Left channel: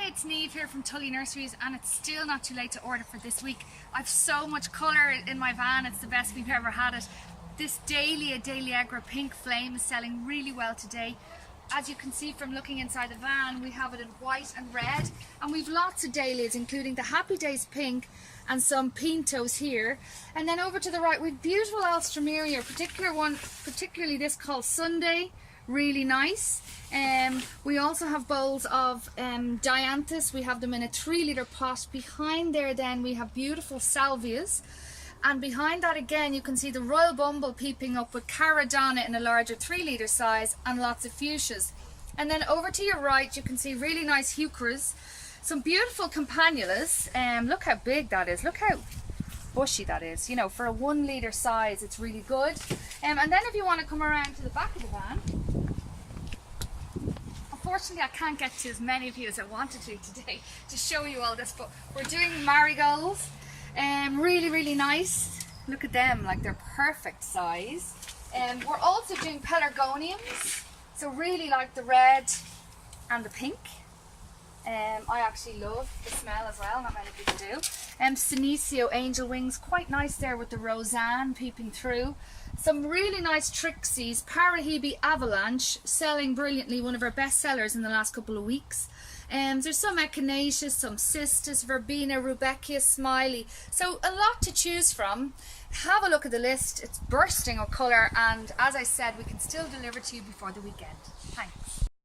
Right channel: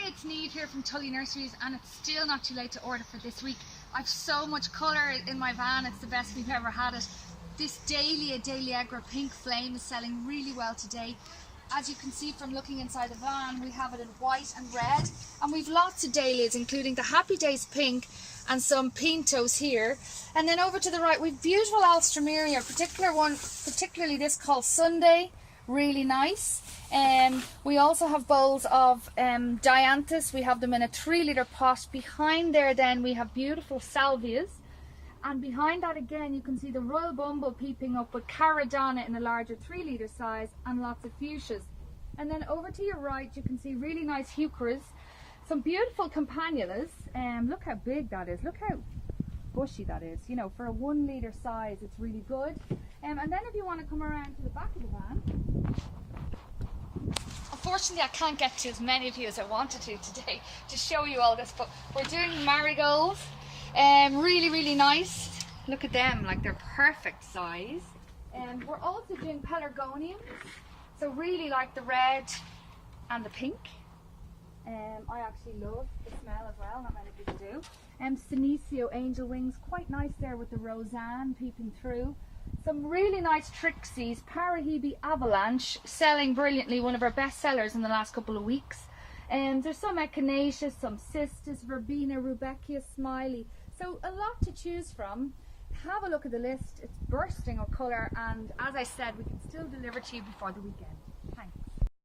Hi, it's Niamh here from Tully Nurseries, and it's still not too late to order for this week. I've so much colour in my van, it's the best we've ever had it. This Dahlia Dahliagra Pink Flame is selling really well today. As you can see from looking inside the van, we have it in white and red, and we've lots of dahlias, including the Happy Days Pink and some pintos here. And then over to the right, we've beautiful Alstroemeria, particularly this called Sunday, really nice. We also have bowls of dianthus. We have them in a 3-litre pot. Behind there then we have beautiful salvias, and behind that again you can see the Royal Bumble peeping up with Caradonna in a larger 3-litre size, and lots of fuchsias. And then over to your right you can see really nice heucheras, some beautiful campanulas. Look how big that is, look how bushy that is, you know, for a 1-litre size it's really good. And then if you want to come around to the back of the van, unfortunately I can't get to as many of you as I wanted to today to show you all this, but we're doing marigolds. Really nice, look at them, like they're perfect size. We're also doing pelargoniums, so really like the red and the pink. I actually love the smell as well, not many people do. Senecio angel wings, quite nice there with the Roseanne peeping through. Some really nice Trixies, Parahebe Avalanche, selling brilliantly, one of our best sellers in the last couple of weeks. There's some Echinaceas, some Cistus, Verbena, Rudbeckia, Smiley. So a lot to choose from. Have a look at the list, it's bursting of colour, and as I said, we can still deliver to you before the weekend.